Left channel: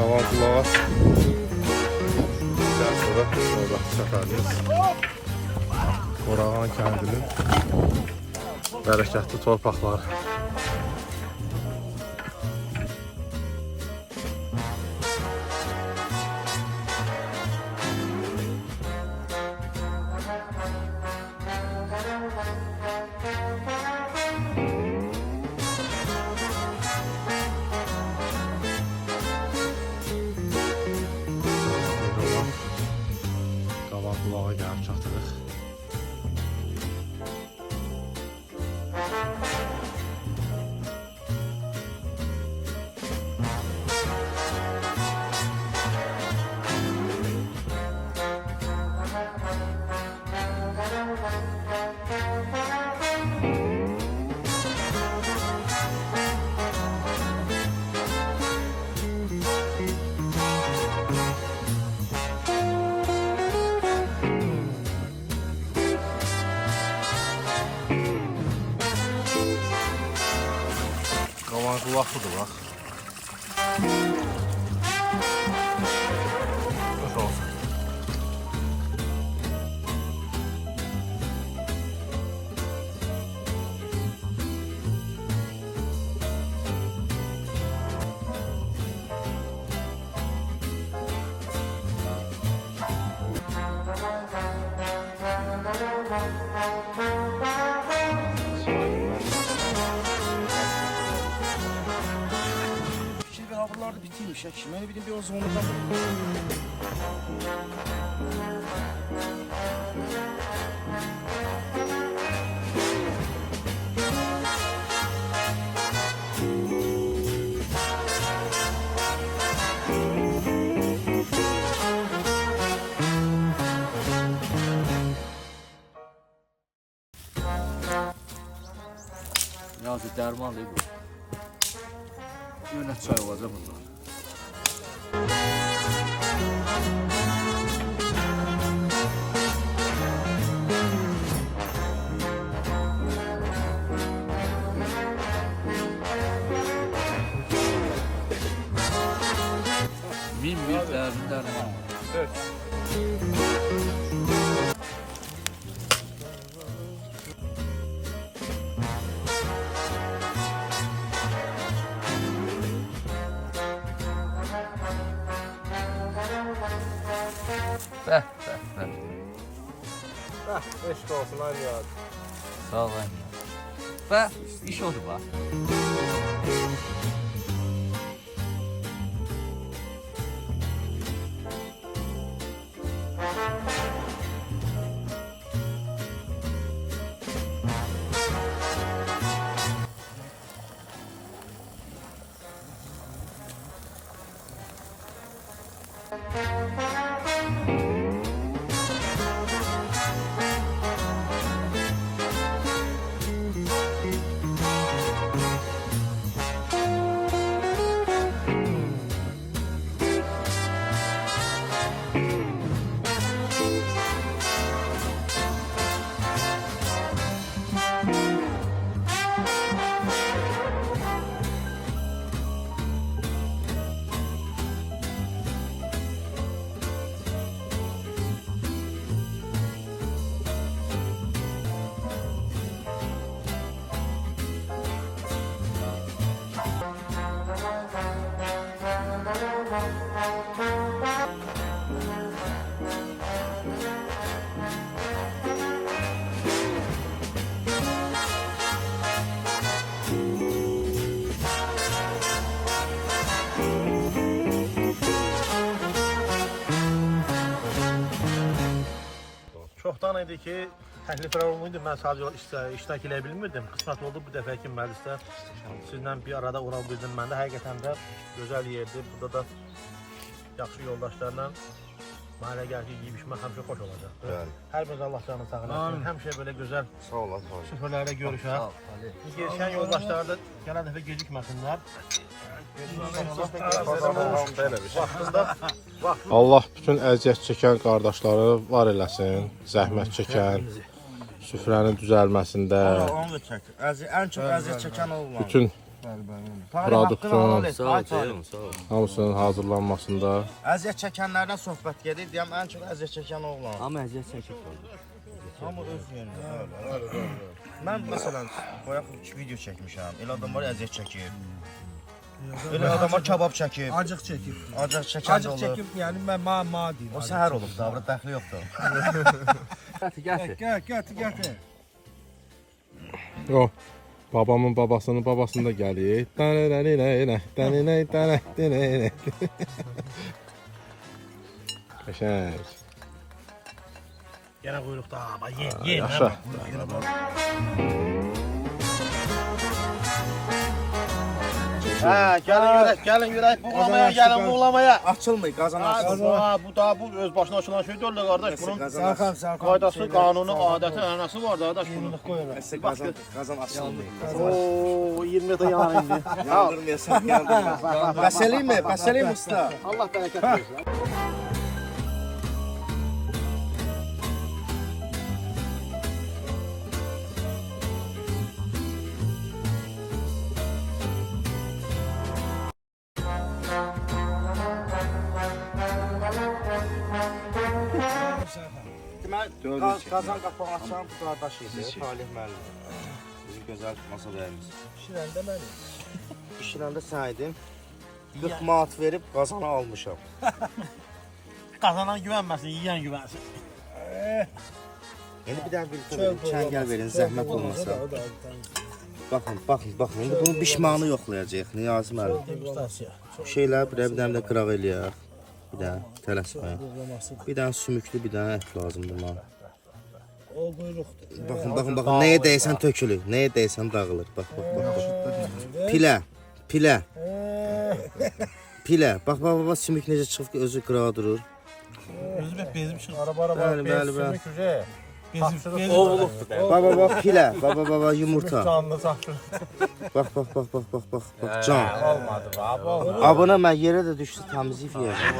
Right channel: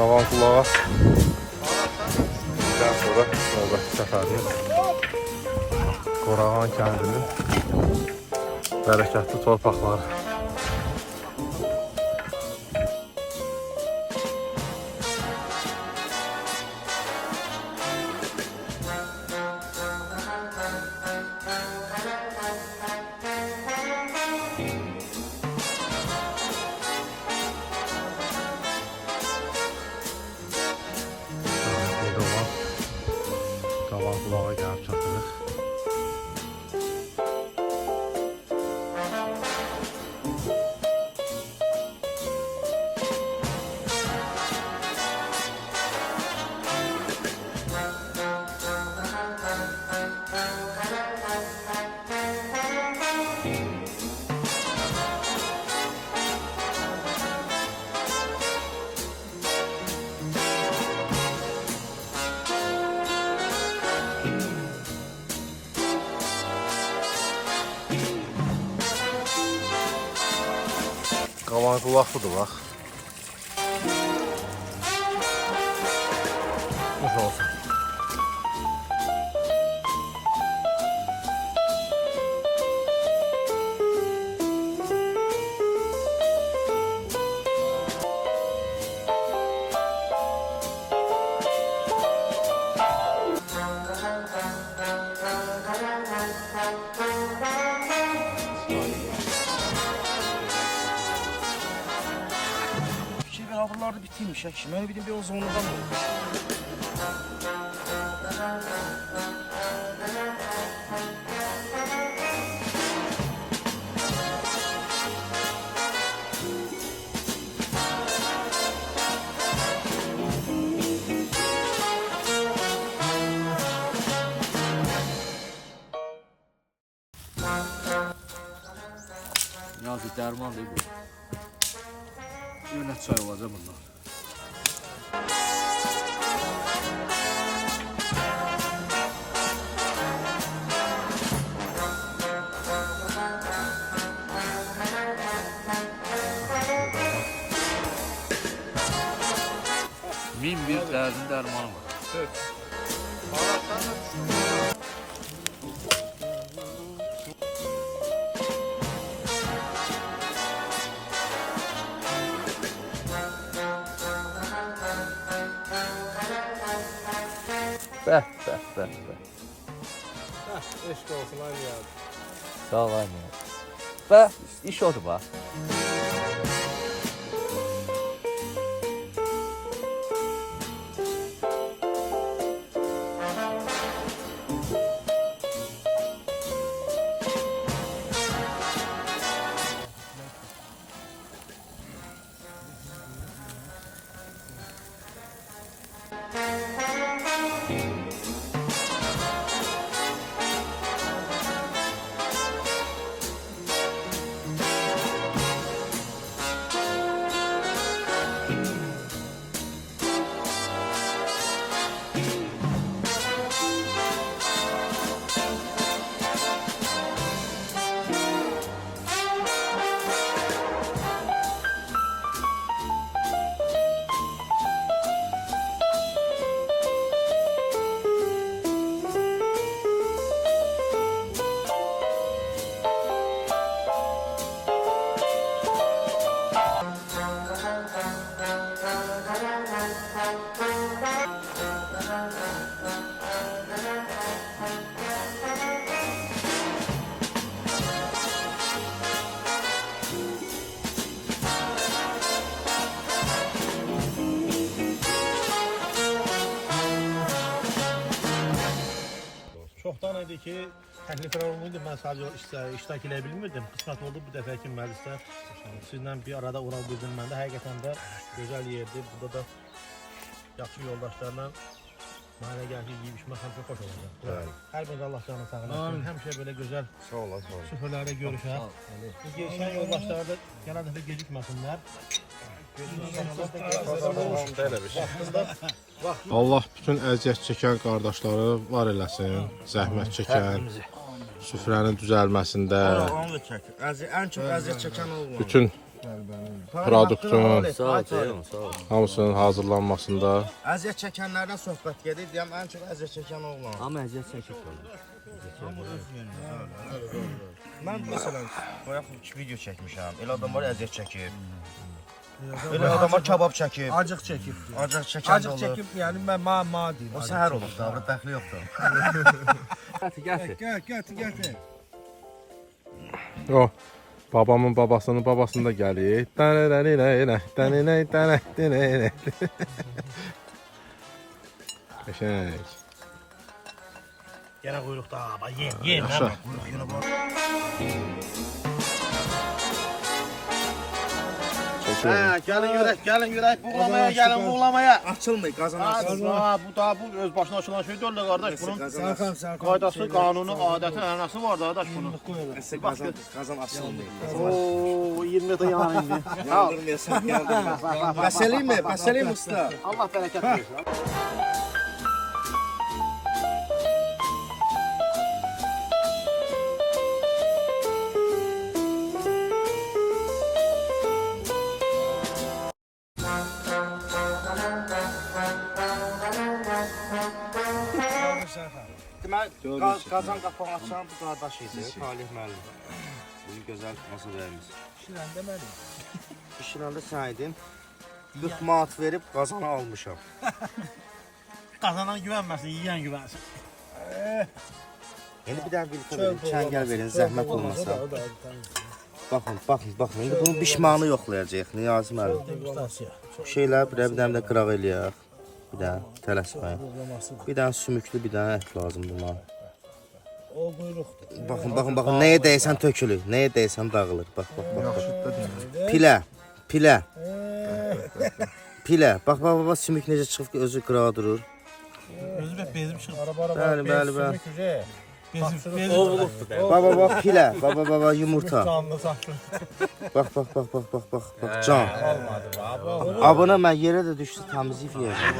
Qavan qulağa. Daha sonra növbəti səfərimiz Qorağan kəndinin bərəkətli torpaqları. Qavan qulağa gəlib çatırıq. Qavan qulaqlıdır bax. Buralarda bitirmiş ya. Mən bir de o zonadan Yazı derman değil bu. Yönet çay olacak bunlar. Min bir derdin derman var. Evet. Bəh. Eşq olsun aynı yad. Sağ ol anne. Bəh, iş oldu bax. Çoxdan idi ki, təkliflər olmuydu, mən sadəcə iştirak edə bilmirdim. Qısmət oldu bu dəfəki məclisdə sizlə bir arada ola bildim. Mən də həqiqətən də gözəl yerdir. Burada da yaxşı yoldaşlarla mənə gəlki yeyib-içmək həmişə xoş olacaq. Hər biriniz Allah canını sağlasın. Həmişə belə gözəl süfrələrdə görüşək. Gələn yoldaşlar da gələn dəfə gecikməsinlər. Allah bütün əziyyət çəkən qardaşları var eləsin, zəhmət çəkən, süfrənin düzəlməsində, onu da çək. Ən çox əziyyət çəkən olmalı. bütün Produktun Sağ ol Ceyhun, sağ ol. hamısının hazırlanmasında Əziyyət çəkənlərdən söhbət gedir. Deyəm ən çox əziyyət çəkən oğlan. Amma əziyyət çəkib oldu. Amma öz yerində. Mən məsələn bayaq video çəkmişəm. Elə adam var əziyyət çəkib. Elə adamlar kabab çəkib. Acıq çəkib. Acıq çəkən Acıq çəkib, yəni mən ma deyim. O səhər olub da, burada dəxli yoxdur. Gətir. Gətir. o babamın babasının babasını da gəlir. Qəşəng. Yenə quyruqda. Bax ye. Yaşa. Hə, gəlin görək, buğlamaya, gəlin buğlamaya. Açılmır, qazan açılmır. Bu da bu öz başına açılan şey deyil də qardaş. Bunun Qazan qaydası, qanunu, adəti, ənənəsi var da qardaş bunun. qazan açılmır. Oo, 20 də yanı indi. Yandırmayasan, yandırma. Bəs eləyim usta. Allah bərəkət versin. Deməli, qazan qapağını açan bu qardaş idi, Talih müəllim. Bizim gözəl masa bəyimiz. Şirəndə mənim. Bişirəndə sən idin. 40 manat verib qazanı almışam. Qazanan güvənməsin, yeyən güvənsin. Yəni bir dənə birlikdə verin, çəngəl verin, zəhmət olmasa. Baxın. İndi bunun bişmanı yoxlayacaq, Niyazi müəllim. Bu şeylər bir dənə də qıraq eləyək. Bir dənə tələsməyin. Bir dənə sümüklü, bir dənə ət lazımdır buna. O quyruqdur. Baxın, nəyə dəysən tökülür, nəyə dəysən dağılır. Bax. Pilə. Bax, sümük necə çıxıb ki, özü qırağa durur. Özü bək bezim çıxır. Bəli. Bezim. Bax, pilə. Bax, yumurta. Canlı saçır. Bax, can. Olmadı baba. Abına mən yerə də düşdü, təmizliyib yeyəcəm.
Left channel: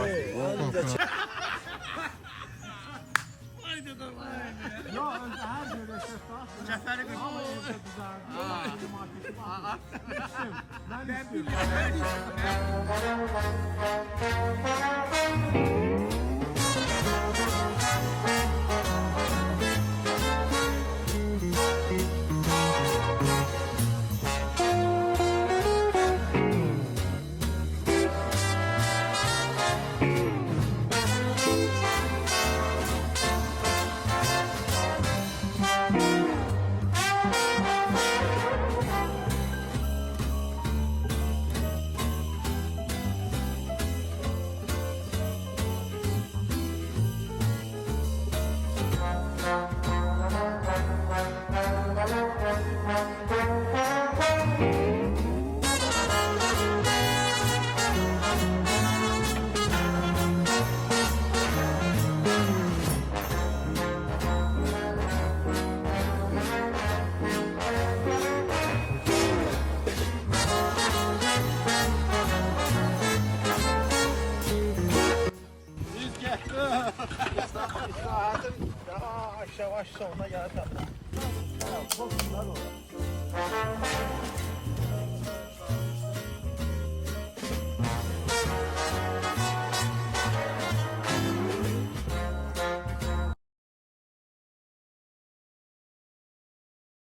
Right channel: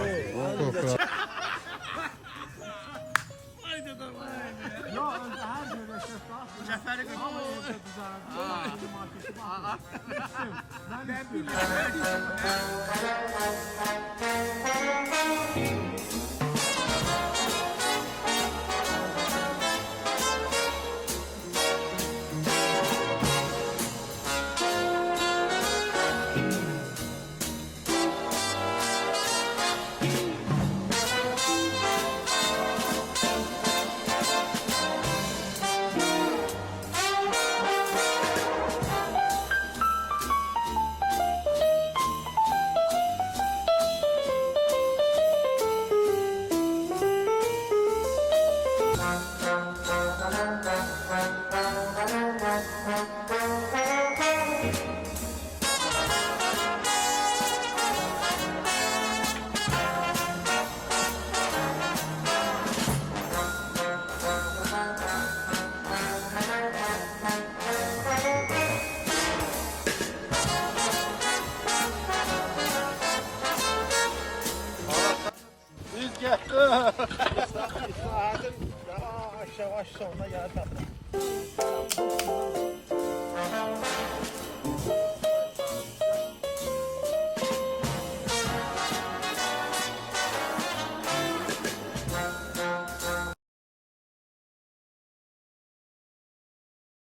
Yavaş sonuna gəldi.